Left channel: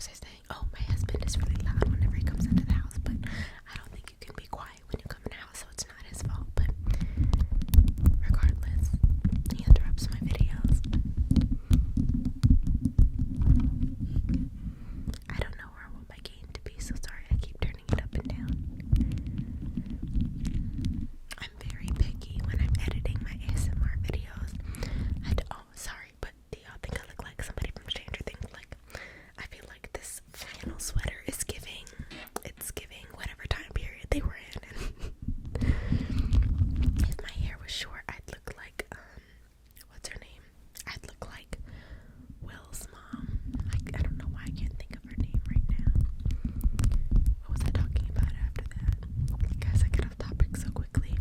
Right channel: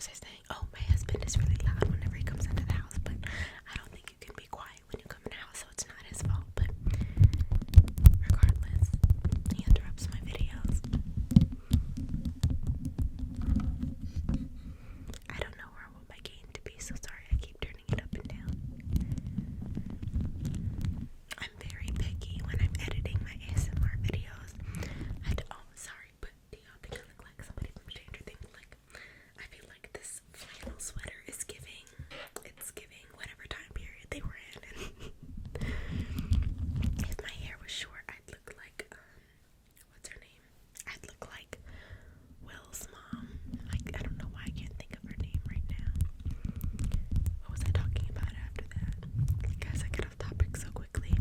was I saying? Oh, my husband is really loud whenever he comes into the house, but I don't think you can be quiet when you come in the house, so it's not his fault. But regardless, he interrupts my videos. I don't know where I want my gain to be, so sorry I keep turning it up and down. I'm very picky when I'm editing my ASMR videos. Sorry, but do y'all think I look like somebody from Stranger Things? Like, I feel like this flannel sweater is giving whatever time period they were in. And if my hair was short, I'd look like, what's her name? I'd look like Will's mom. Like, I don't know why I can't think of her name right now. What was I talking about after that? Guys, I get off topic so quickly.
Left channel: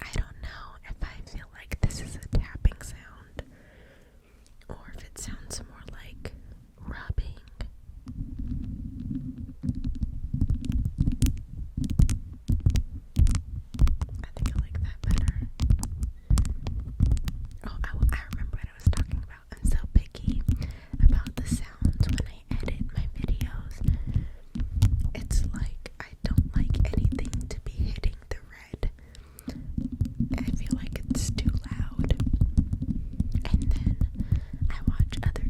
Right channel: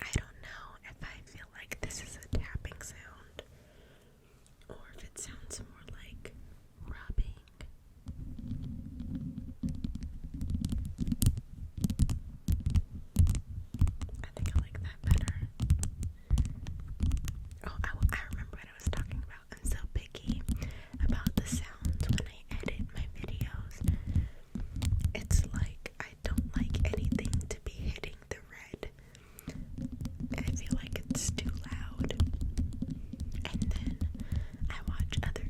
I don't know if I feel like this is a tapping sound or if it sounds more like rubbing. I think I like that better. Oh, I remember what I was talking about. I'm so picky about the sounds when I edit my videos. It's like I don't like anything to be hitting the red. I feel like it's too loud. And then I watch other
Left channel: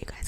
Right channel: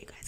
You guys